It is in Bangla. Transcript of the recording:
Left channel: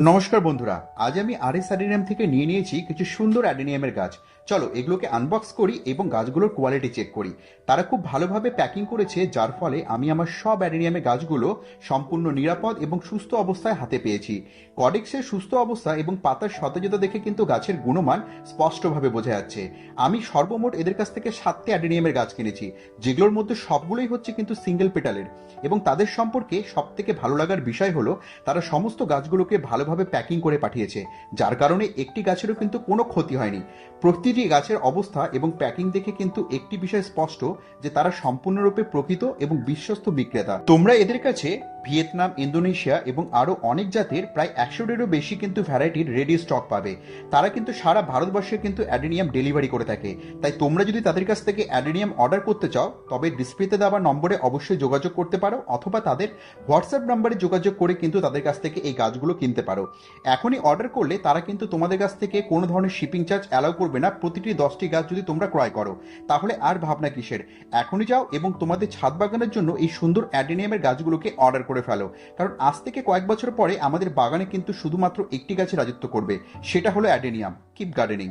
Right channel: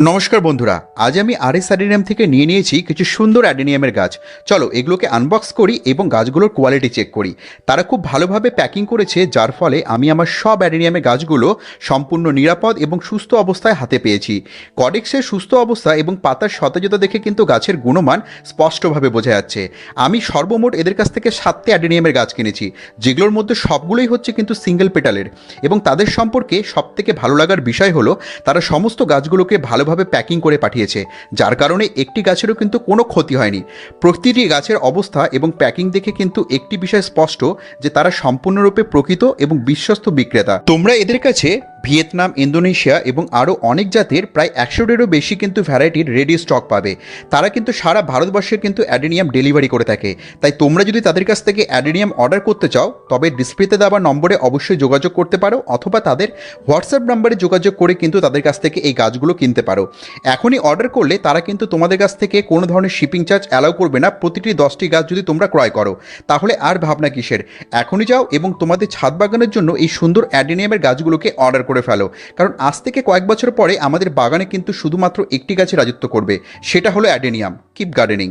নমস্কার বন্ধুরা, আজ আমি আর এস অ্যাডেনিয়াম থেকে নিয়ে নিয়েছি কিছু সুন্দর অ্যাডেনিয়ামের গাছ। চলো, এগুলোকে আনবক্স করি এবং গাছগুলোর কোয়ালিটি চেক করি। তারা খুব ভালোভাবে প্যাকিং করেছে, যার ফলে আমি আমার সব অ্যাডেনিয়ামের গাছগুলো সম্পূর্ণ নিরাপদ এবং সুস্থ অবস্থায় হাতে পেয়েছি। কডেক্সের সুস্থ অবস্থা এবং পাতার সতেজতা দেখে কিন্তু গাছের গুণমান স্পষ্টভাবে বোঝা যাচ্ছে। আমি সর্বমোট এদের কাছ থেকে সাতটি অ্যাডেনিয়ামের গাছ কিনেছি, যেগুলোর মধ্যে সবগুলোই হচ্ছে কিন্তু সিঙ্গেল পেটালের এবং তাদের সম্পর্কে সবথেকে ভালো লাগার বিষয় হলো, তারা সমস্ত গাছগুলোকে ভালোভাবে প্যাকিং করে পাঠিয়েছে, যার কারণে একটি গাছেরও কিন্তু কোনো ক্ষতি হয়নি। প্রতিটি গাছের অবস্থা এবং প্যাকিং দেখে কিন্তু একটি বিষয় স্পষ্ট যে তারা সম্পূর্ণরূপে প্রকৃত এবং বিশ্বস্ত বিক্রেতা। তোমরা এদের কাছে ভিয়েতনাম, ইন্দোনেশিয়া এবং আরও অনেক জাতের প্রায় একশোটিরও বেশি কিন্তু ভ্যারাইটির রেডি স্টক পাবে। তারা কিন্তু সারা ভারতবর্ষে কিন্তু অ্যাডেনিয়াম ডেলিভারি করে থাকে। তাই তোমরা যদি তাদের কাছ থেকে অ্যাডেনিয়াম অর্ডার করতে চাও, তবে ডিসপ্লেতে দেওয়া নম্বরে অবশ্যই যোগাযোগ করতে পারো অথবা তাদের হোয়াটসঅ্যাপ নম্বরে যোগাযোগ করে কিন্তু তাদের কাছ থেকে এই গাছগুলো কিনতে পারো। এখনই অর্ডার করলে তারা কিন্তু তোমাদের কাছ থেকে কোনো ধরনের শিপিং চার্জ অ্যালাউ করবে না। প্রতিটি দশটি গাছ যদি তোমরা ক্রয় করো, তাহলে আর ভাবনা কিসের? এখনই যাও এবং তোমাদের ছাদ বাগানের জন্য এই সুন্দর অ্যাডেনিয়ামের গাছগুলোকে অর্ডার করে ফেলো। কারণ আজ থেকে কয়েক বছর পরে আমাদের বাগানে কিন্তু শুধুমাত্র একটি গাছে রাজত্ব করবে। সেটা হলো অ্যাডেনিয়াম। Keep gardening